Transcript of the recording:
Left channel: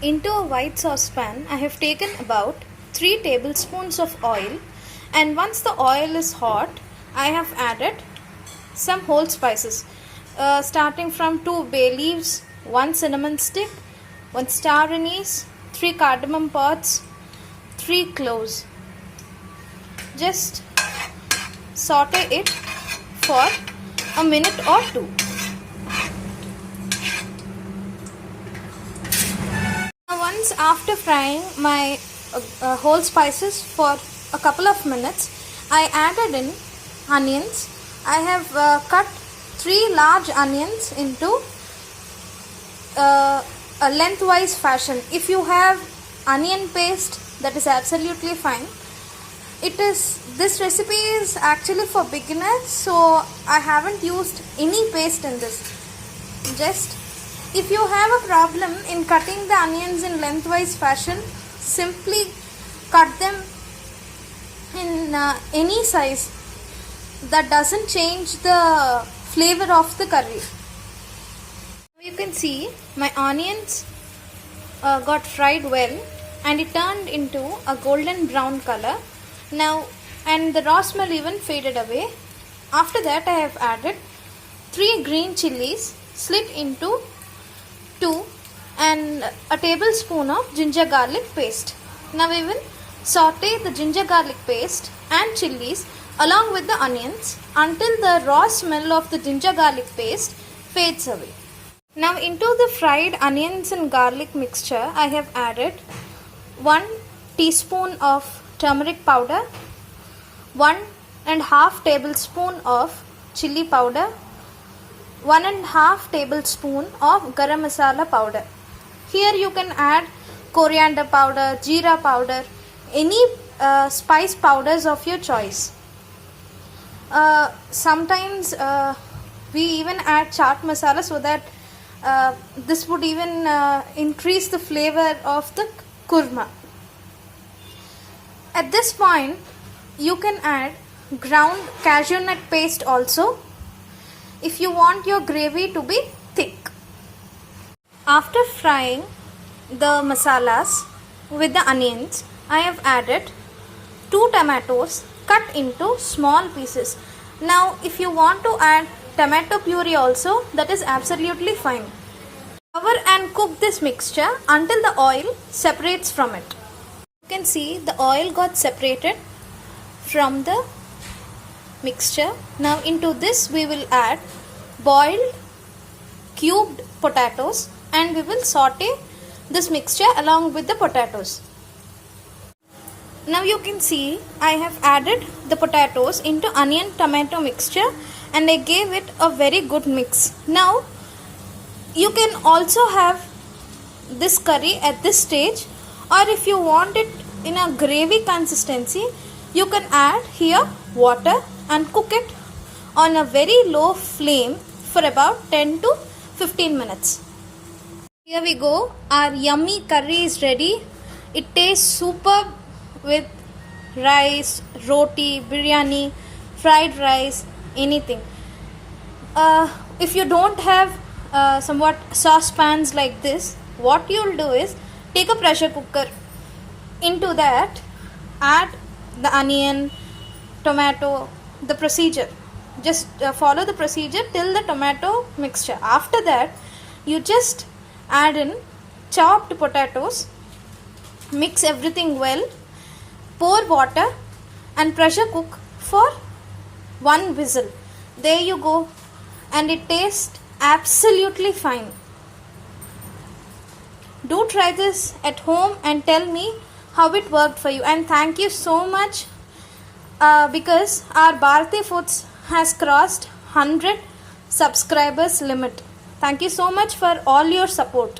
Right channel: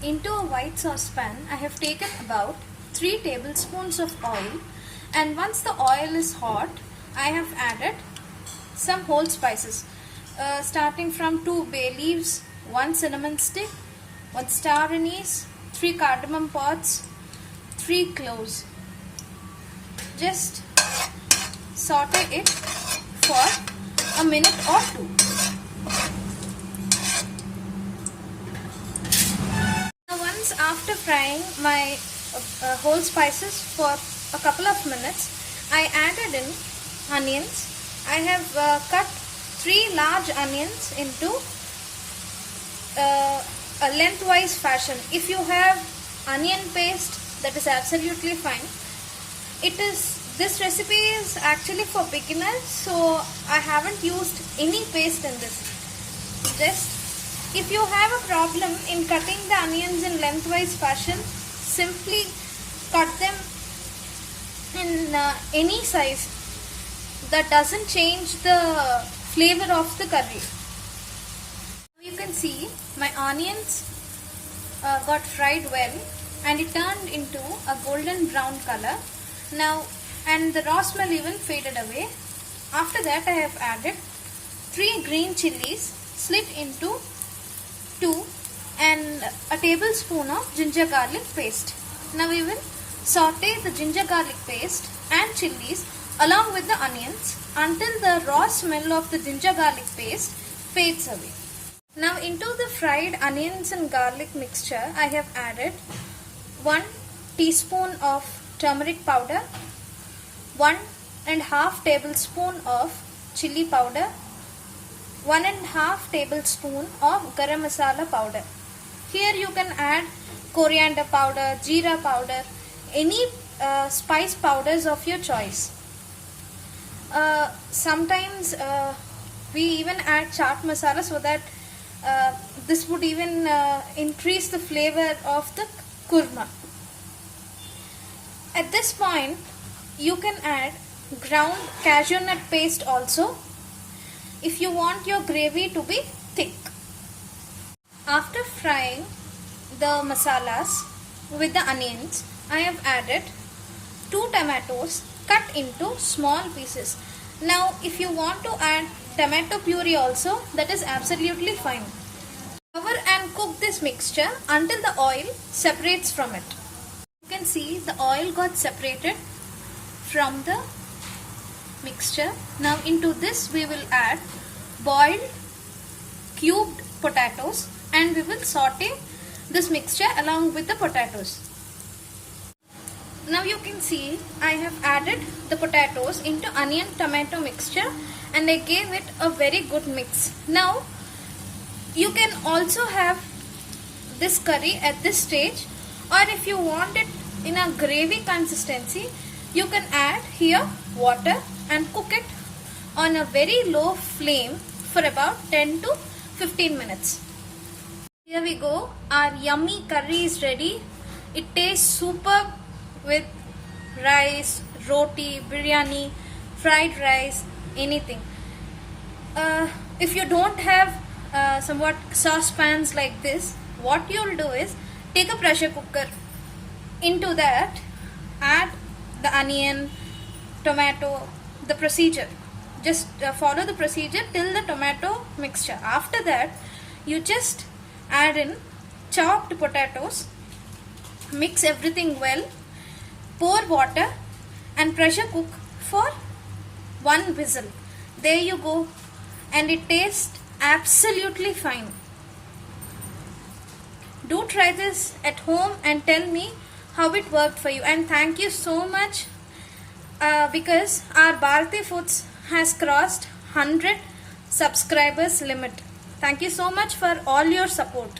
Into a white saucepan, I have taken about 3 tablespoons of oil, and once the oil is hot, I have added some whole spices, starting from 2 bay leaves, 1 cinnamon stick, 1 star anise, 3 cardamom pods, 3 cloves. Just saute it for a minute or 2. Once after frying my whole spices for a couple of minutes, I added in onions. I have cut 3 large onions into a lengthwise fashion. If you have onion paste, that is absolutely fine. This recipe is actually for beginners, so I haven't used any paste in this. Just if you have a problem in cutting the onions in lengthwise fashion, simply cut them in any size. That doesn't change the flavor of the curry. You can see my onions got fried well and it turned into a golden brown color. Now, and the raw smell even faded away. After that, I have added 3 green chilies slit into 2 and a tablespoon of ginger garlic paste. Now we will saute the ginger garlic paste and chilies along with the onions until the raw smell of the ginger garlic paste fades away. Now into the fried onions and garlic mixture, I have added 1 teaspoon of turmeric powder, 1.5 tablespoon of chili powder, 1.5 tablespoon of garam masala powder. Here you can add coriander powder, jeera powder, any spice powders of your choice. Sometimes we even add chaat masala so that this would even increase the flavor of the kurma. At this point, you can add ground cashew nut paste also if you want your gravy to be thick. After frying the masalas with the onions, I have added 2 tomatoes cut into small pieces. Now if you want to add tomato puree also, that is absolutely fine. Cover and cook this mixture until the oil separates from it. You can see the oil got separated from the mixture. Now into this we will add boiled cubed potatoes and we will saute this mixture along with the potatoes. Now you can see I have added the potatoes into onion tomato mixture and I gave it a very good mix. Now you can also have this curry at this stage, or if you want it in a gravy consistency, you can add here water and cook it on a very low flame for about 10 to 15 minutes. Here we go, our yummy curry is ready. It tastes superb with rice, roti, biryani, fried rice, anything. If you don't have somewhat saucepans like this, what you'll do is take a pressure cooker. Into that, add the onion, tomato, the procedure. Just follow the procedure till the tomato mixture. After that, you just add in chopped potatoes, mix everything well, pour water and pressure cook for 1 whistle. There you go, and it tastes absolutely fine. Do try this at home and tell me how it worked for you, and thank you so much because our Bharati Foods has crossed 100 subscribers limit. Thank you so much for all your support.